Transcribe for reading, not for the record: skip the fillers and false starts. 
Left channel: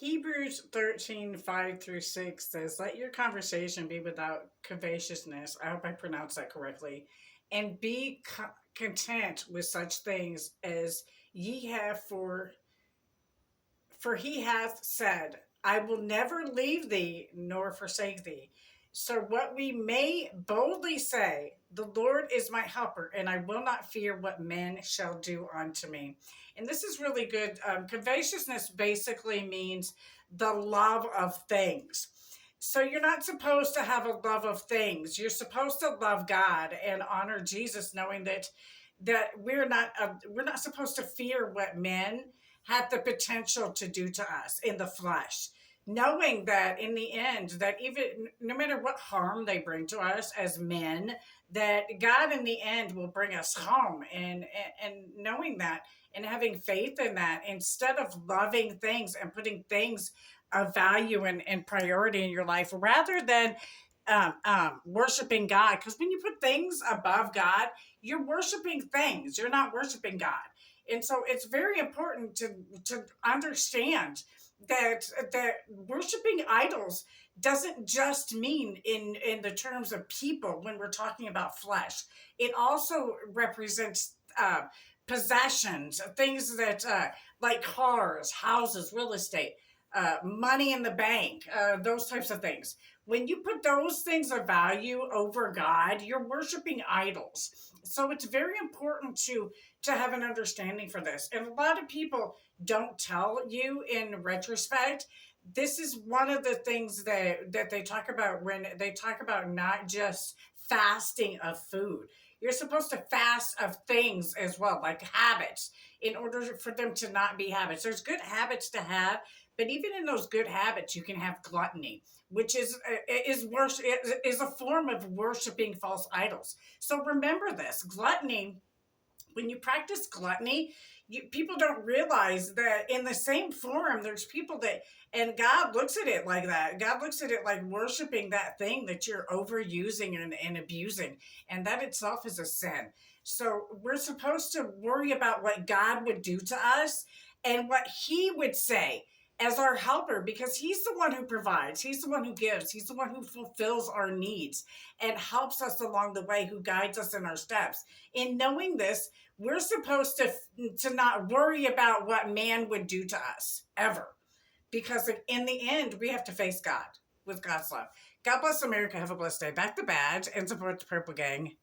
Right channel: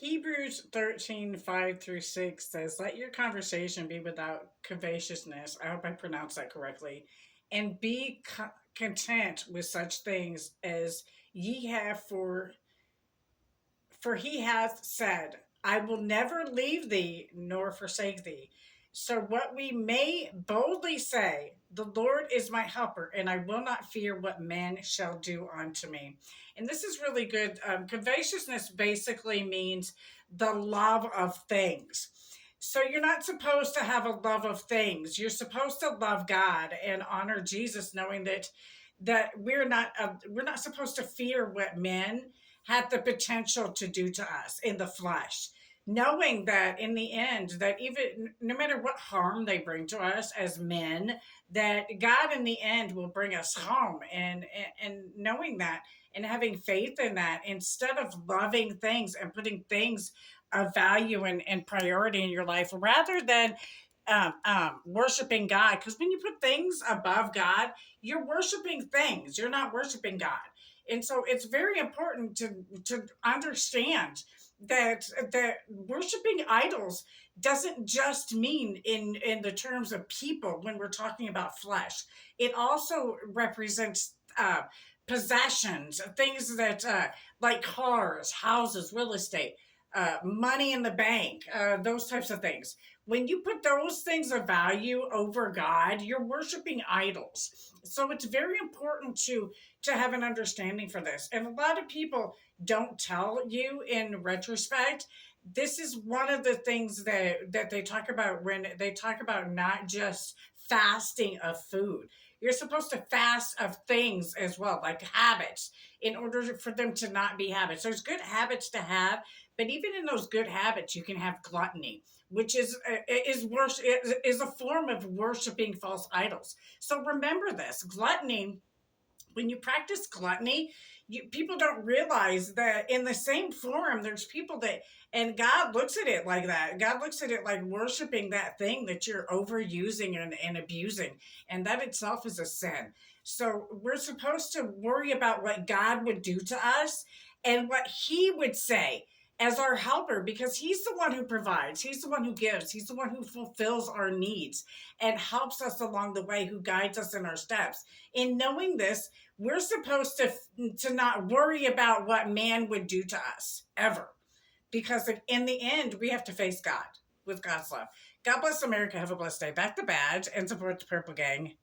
Hebrews 13:5 through 6 says, "Let your conversation be without covetousness." I hope I pronounced that correctly. "And be content with such things as ye have, for he hath said, I will never leave thee nor forsake thee." So, what we may boldly say, "The Lord is my helper, and I will not fear what men shall do unto me." And this is really good. Covetousness basically means the love of things. So, you're not supposed to have a love of things. You're supposed to love God and honor Jesus, knowing that we're not supposed to fear what men had the potential to do to us in the flesh, knowing that in the end, that even no matter what harm they bring to us as men, that God in the end will bring us home, and knowing that and having faith in that, instead of loving things and putting things of value and priority in your life rather than worshiping God. Because when you put things above God, you're worshiping things, you're not worshiping God. And so it's very important to understand that worshiping idols doesn't just mean in the terms of people when we're talking about flesh. It also represents possessions, things that like cars, houses, real estate, money in the bank, those types of things. When you put those things of value over God, you're worshiping idols. So it's very important to have an understanding for this. And a lot of people don't tell you in retrospect. This is one of the things that they talk about when they talk about not just fasting of food. You're supposed to fast of things as well, like habits, in order for them to not be habits. There's good habits to have, but even in those good habits, you can have gluttony, which is a form of worshiping false idols. So remember this: gluttony, when you practice gluttony, people don't realize that in the same form, there's people that, and God looks at it like that. God looks at it like worshiping that thing that you're overusing and abusing. And that itself is a sin. So we're supposed to worry about what God would do to us and what He would say as our helper, because He's the one who provides, He's the one who gives, He's the one who fulfills our needs and helps us along the way, who guides us in our steps. In knowing this, we're supposed to not worry about what man would do to us ever, because in the end we have to face God with God's love. God bless America. Have a blessed day. Back to badge and support the Purple Gang.